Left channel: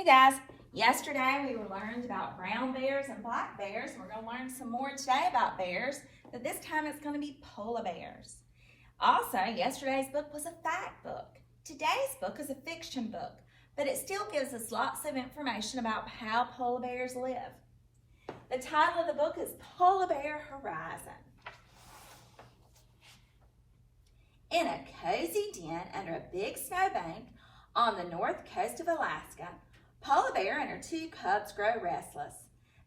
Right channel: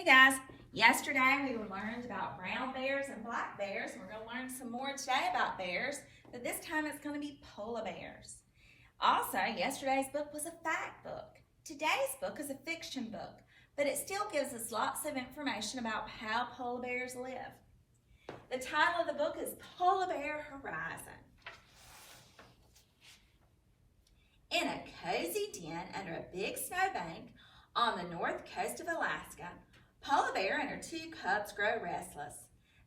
Hey guys, yesterday we learned about brown bears and black bears, and we're going to learn some more today about bears, but this time it's going to be polar bears. Also, yesterday's book was a fact book. Today's book is a fiction book, but it still gives us lots of information about how polar bears live. The title of the book is Polar Bear Horizon. In a cozy den under a big snowbank on the north coast of Alaska, Polar Bear and her two cubs grow restless.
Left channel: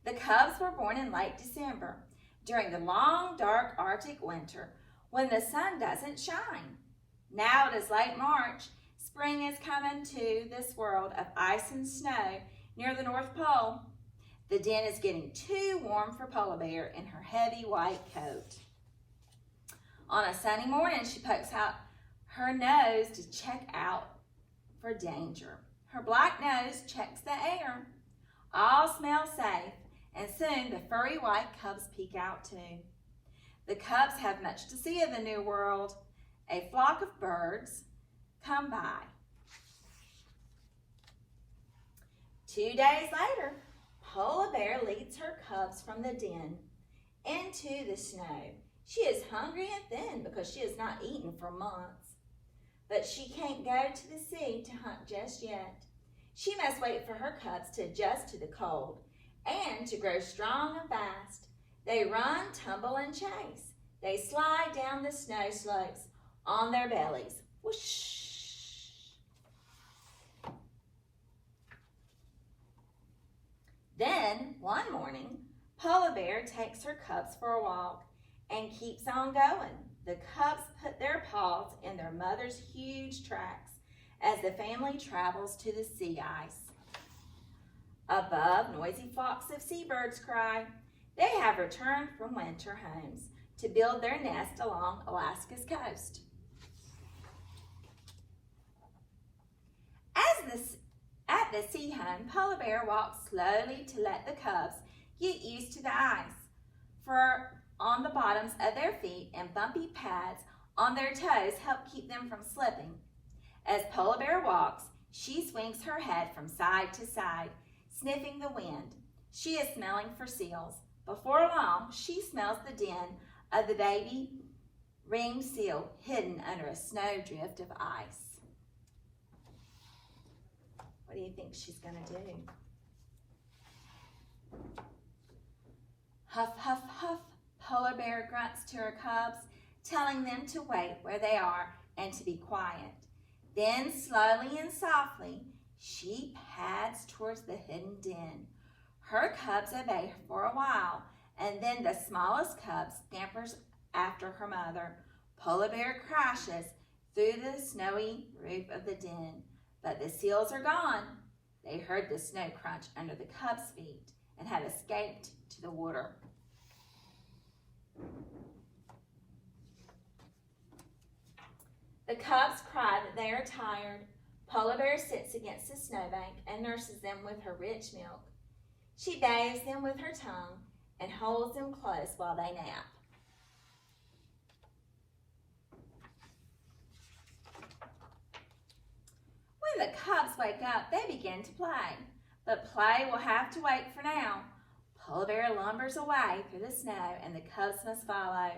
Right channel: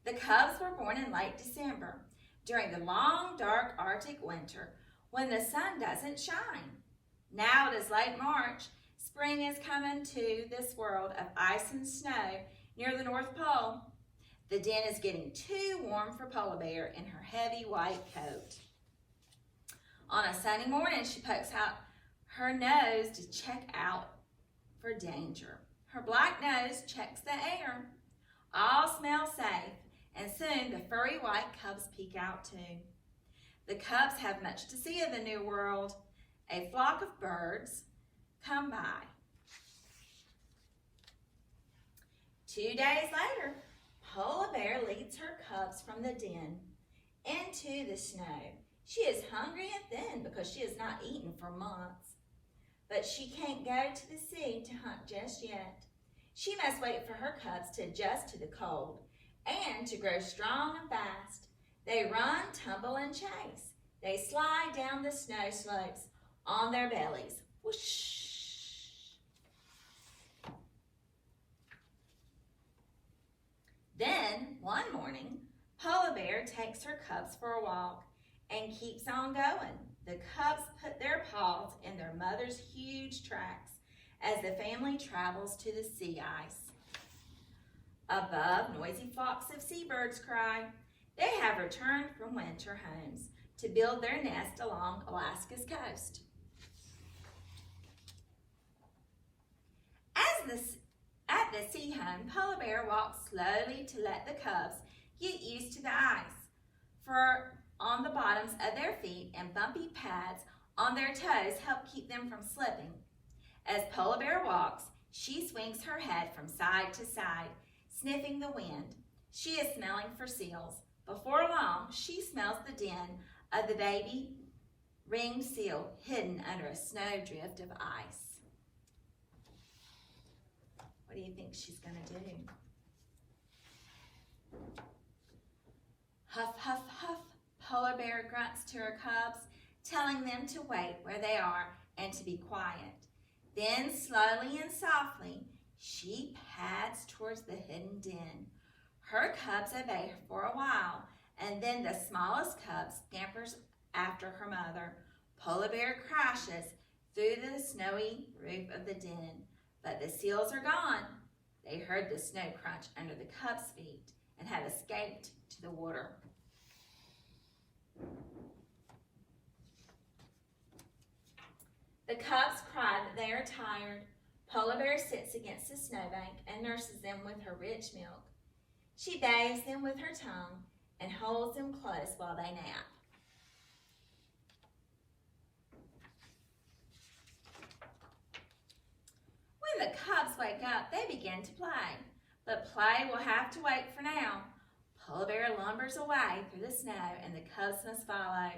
The cubs were born in late December, during the long, dark Arctic winter, when the sun doesn't shine. Now it is late March. Spring is coming to this world of ice and snow near the North Pole. The den is getting too warm for Polar Bear in her heavy white coat. On a sunny morning, she pokes out her nose to check out for danger. Her black nose checks the air. All smell safe, and soon the furry white cubs peek out too. The cubs have much to see of the new world. A flock of birds come by. 2 days later, Polar Bear leads her cubs from the den into the snow. She is hungry and thin because she has not eaten for months. But she can't go to the sea to hunt just yet. She must wait for her cubs to adjust to the cold and to grow strong and fast. They run, tumble, and chase. They slide down the snow slopes on their bellies. Whoosh! Then, one morning, Polar Bear takes her cubs for a walk and keeps on going. The cubs put their paws in their mother's huge tracks as the family travels to the sea ice. Above, noisy flocks of seabirds cry. They have returned from winter homes to build their nest along Alaska's coast. At the sea home, Polar Bear walks slowly to let the cubs get used to the ice. For on the bottoms of their feet and bumpy pads on their toes help keep them from slipping. As Polar Bear walks, she swings her head from side to side, sniffing the wind. She is smelling for seals. Before long, she smells the den of the baby ringed seal hidden under a snowdrift of ice. What do you think she's going to do? Huff, huff, huff. Polar Bear grunts to her cubs, telling them to wait where they are and to be quiet. Then, slowly and softly, she pads towards the hidden den. Her cubs obey her for a while, and then the smallest cub scampers after her mother. Polar Bear crashes through the snowy roof of the den, but the seals are gone. They heard the snow crunch under the cubs' feet and had escaped to the water. The cubs cry that they are tired. Polar Bear sits against the snowbank and nurses them with her rich milk. She bathes them with her tongue and holds them close while they nap. When the cubs wake up, they begin to play. But play will have to wait for now. Polar Bear lumbers away through the snow and the cubs must follow.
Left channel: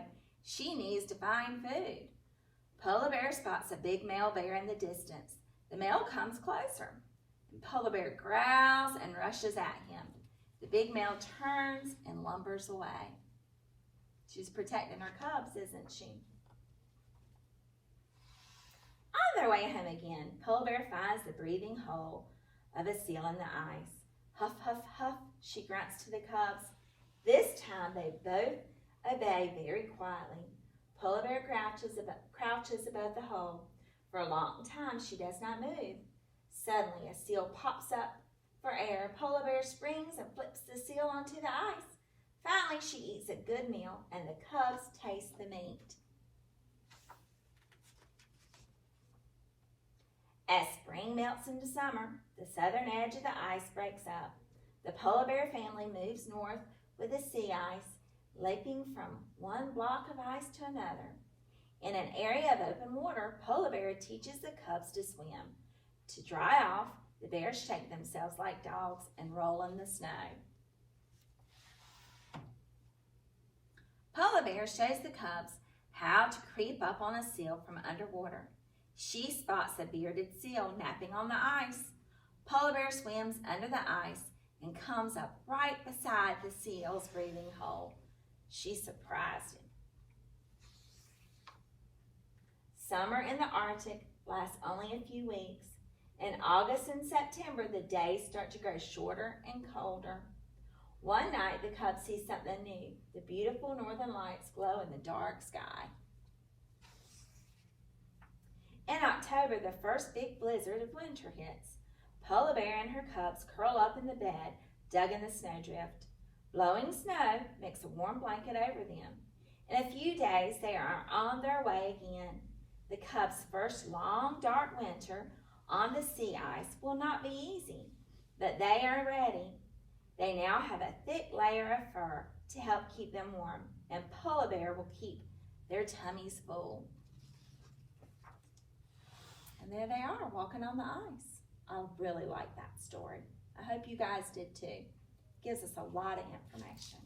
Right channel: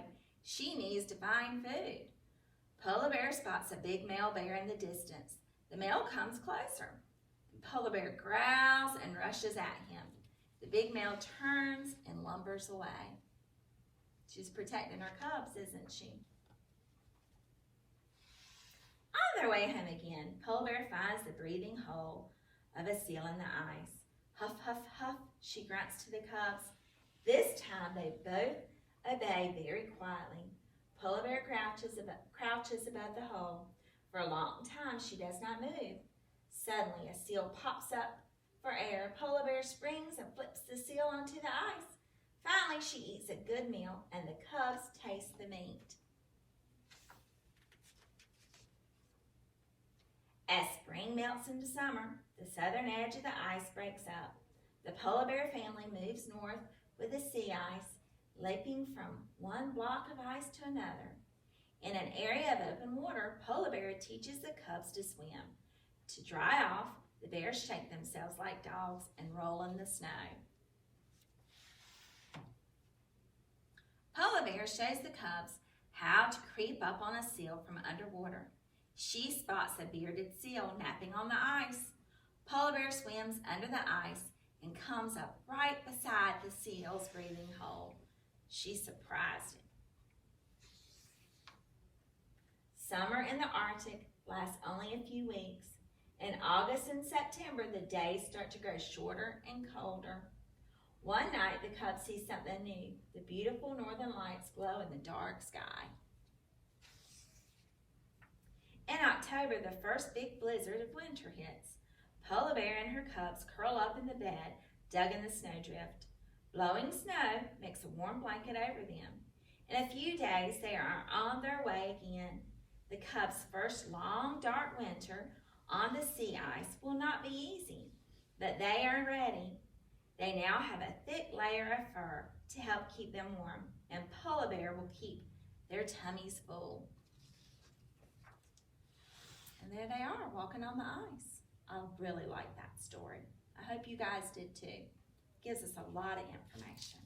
She needs to find food. Polar Bear spots a big male bear in the distance. The male comes closer. Polar Bear growls and rushes at him. The big male turns and lumbers away. She's protecting her cubs, isn't she? On their way home again, Polar Bear finds the breathing hole of a seal in the ice. Huff, huff, huff, she grunts to the cubs. This time they both obey very quietly. Polar Bear crouches above the hole. For a long time, she does not move. Suddenly, a seal pops up for air. Polar Bear springs and flips the seal onto the ice. Finally, she eats a good meal, and the cubs taste the meat. As spring melts into summer, the southern edge of the ice breaks up. The Polar Bear family moves north with the sea ice, leaping from one block of ice to another. In an area of open water, Polar Bear teaches the cubs to swim. To dry off, The bears shake themselves like dogs and roll in the snow. Polar Bear shows the cubs how to creep up on a seal from underwater. She spots a bearded seal napping on the ice. Polar Bear swims under the ice and comes up right beside the seal's breathing hole. She surprised him. Summer in the Arctic lasts only a few weeks. In August and September, the days start to grow shorter and colder. One night, the cubs see something new. The beautiful northern lights glow in the dark sky. In October, the first big blizzard of winter hits. Polar Bear and her cubs curl up in the bed, dug in the snowdrift. Blowing snow makes a warm blanket over them. In a few days, they are on their way again. The cubs' first long, dark winter on the sea ice will not be easy, but they are ready. They now have a thick layer of fur to help keep them warm, and Polar Bear will keep their tummies full. And there they are, walking on the ice. I really like that story. I hope you guys did too. It gives us a lot of information.